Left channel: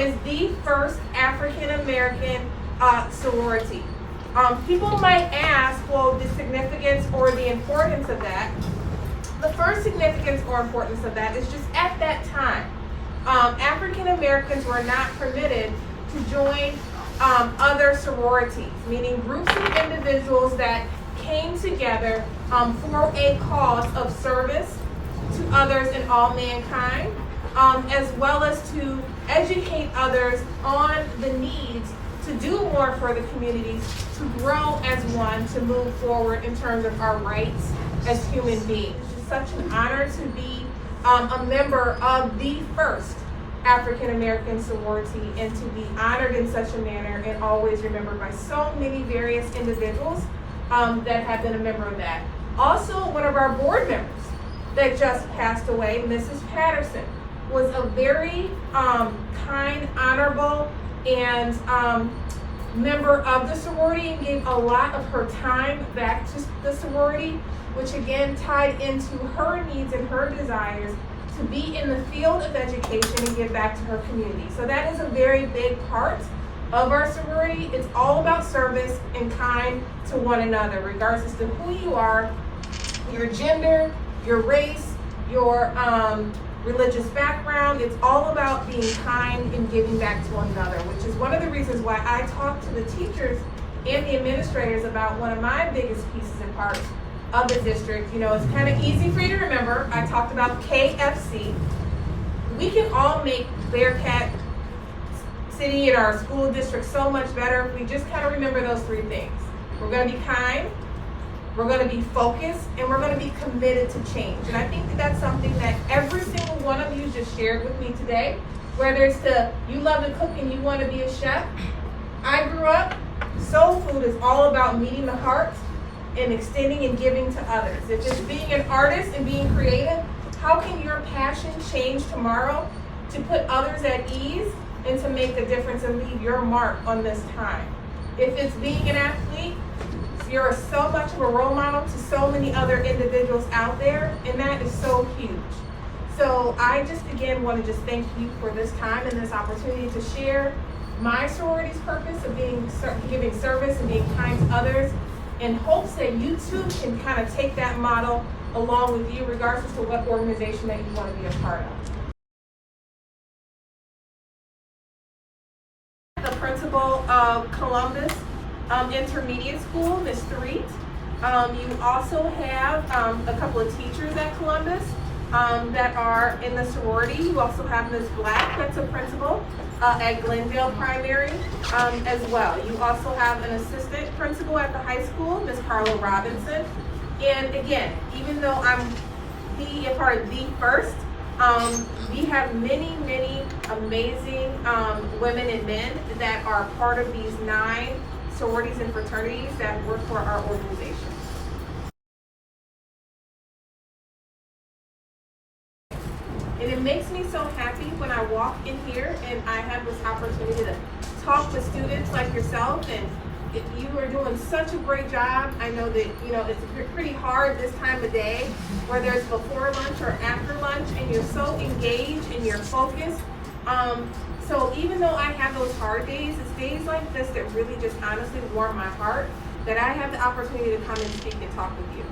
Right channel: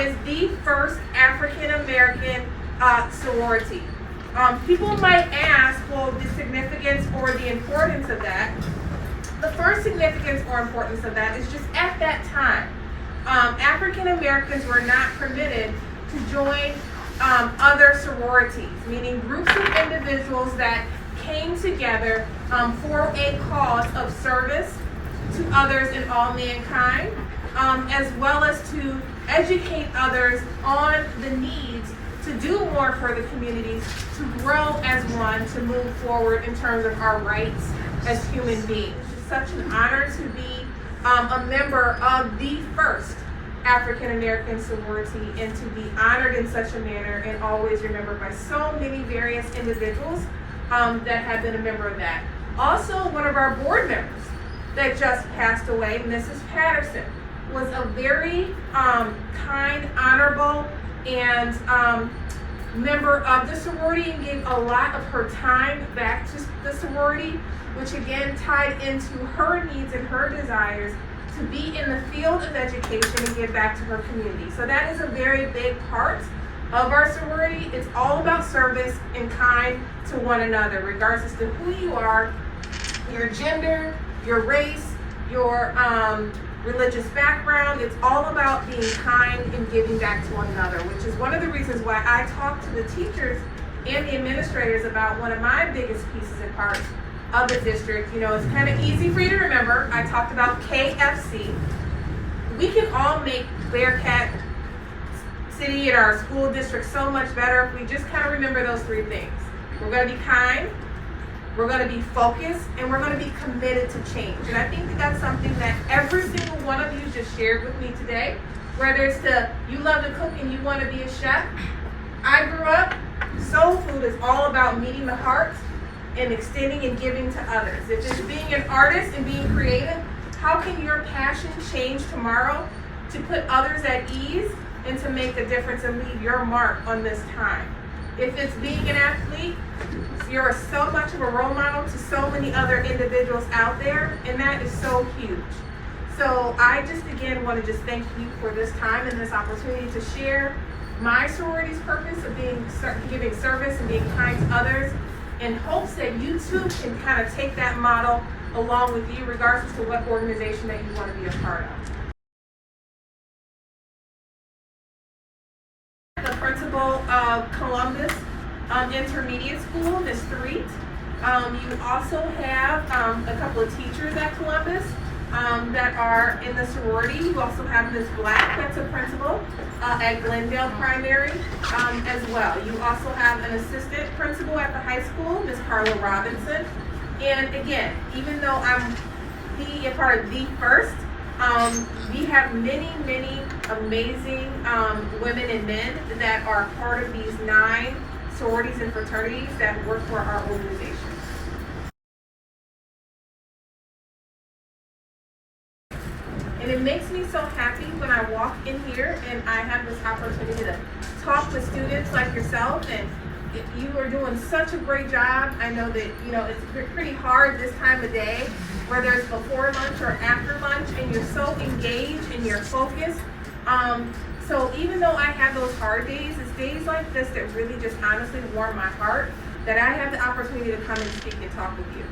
is the first African American sorority. People might ask, well, the significance or the importance of that. The first significance or importance of that is just at that time, African Americans were not permitted to join other sororities, meaning groups of individuals that came together for a cause of service to others and all mankind, as well as to educate others on the needs to do more for the communities, to grow as one, to move forward in terms of our rights as human beings. It's such an honor to be a member of the first African American sorority and to be honored in such a manner and always remembered by so many various individuals that have been a member of that. Also, one of our board members that just passed away, Mrs. Patterson, was a very kind, honorable, and member of the sorority and gave a lot of her time back to the sorority, which again tied into her needs and her desires to be in the field of education and give back to her community. So that is a very big part of our sorority. It's all about service and kind to one another, regardless to who you are, your gender, your race, your religious background. It's all about being kind and giving back to one another, which is one of the reasons why I talk to the teachers and the administrators about one of my biggest pieces and parts of the district. You know, it's kind of easy for you to remember. I talked about KFC. We can all make Bearcat City and our school district so much better if we just kind of remember those three things. We're going to be kind, we're going to be focused, and we're going to be committed to change. And I think that that's something that every single one of you just shared with me today. Whether it's you love to cook and you want to be a chef. I grew up, soul food is all about meeting the heart and extending and giving to others. If it's being an artist and being creative, how can your passion change tomorrow to put others at ease and to make a difference and leave your mark on this time? If it's being an athlete, you're so much of a role model to so many other individuals out there, and that is so huge. So I just again want to just thank you for this time and this opportunity to share my sorority's purpose of giving service and being kind to others, in hopes that you too can kind of take that model along with you, regardless of what organization that you want to be a part of. The principal of Columbus Intermediate School, Ms. Threet. You also have a couple of teachers at Columbus that are in the sorority. You also have Ms. Black, that's a principal at Glendale Primary as well. You also have an assistant principal at the high school, Ms. Carla Robinson. And again, even though I'm a part of the first, we have many, many amazing women and men that are part of these 9 sororities and fraternities that work for our organization. And it makes me so happy when I walk in here and I have this opportunity to talk to students like yourself, and you are doing such a great job. I know that it's pretty hard this time of day, whether it's before lunch or after lunch, and you're so engaged and you're focused. So even though I have those hard days, it's days like this that really just honestly warm my heart, that I have the opportunity to come and speak and talk with you.